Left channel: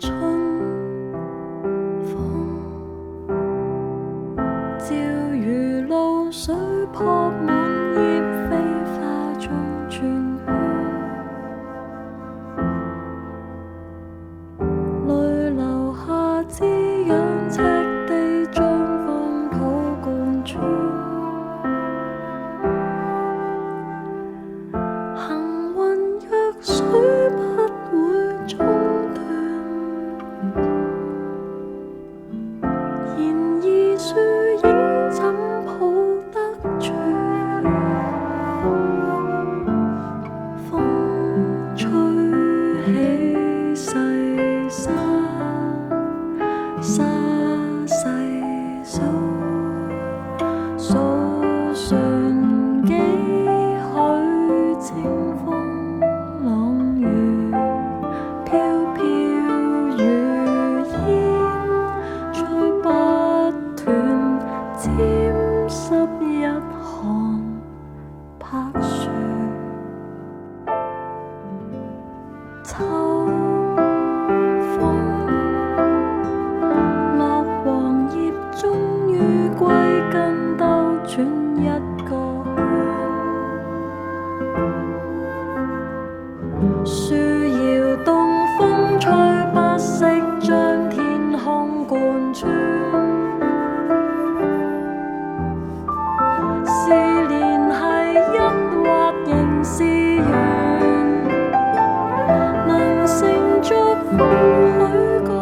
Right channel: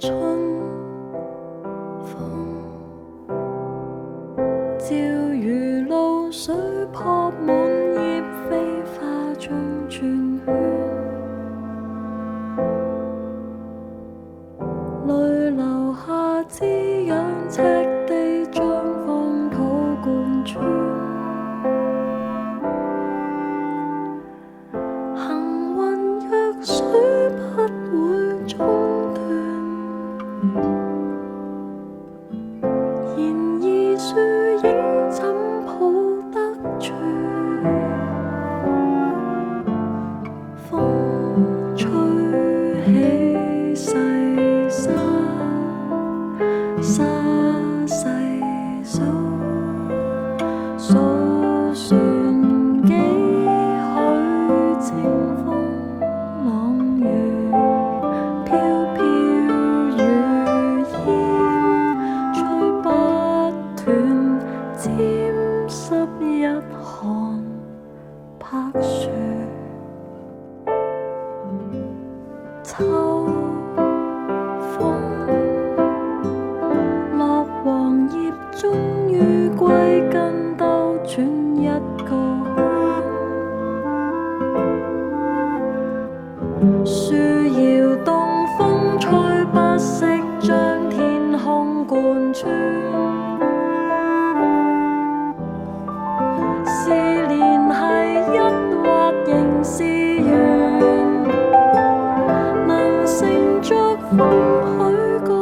春風照如露水撲滿葉，飛花中轉圈，淚流下滋養赤地，將荒土貫穿。行雲若水不會中斷，然而樹影怎抱得住？風吹起細沙，沙細數，數算幾許清風朗月，飄飄如煙，吹不斷，沾濕一行柏樹。秋風落黃葉，終於歸根，兜轉一個圈。樹搖動，風吹不息，將天空貫穿。是連繫一或仍是緣，能乘着風許個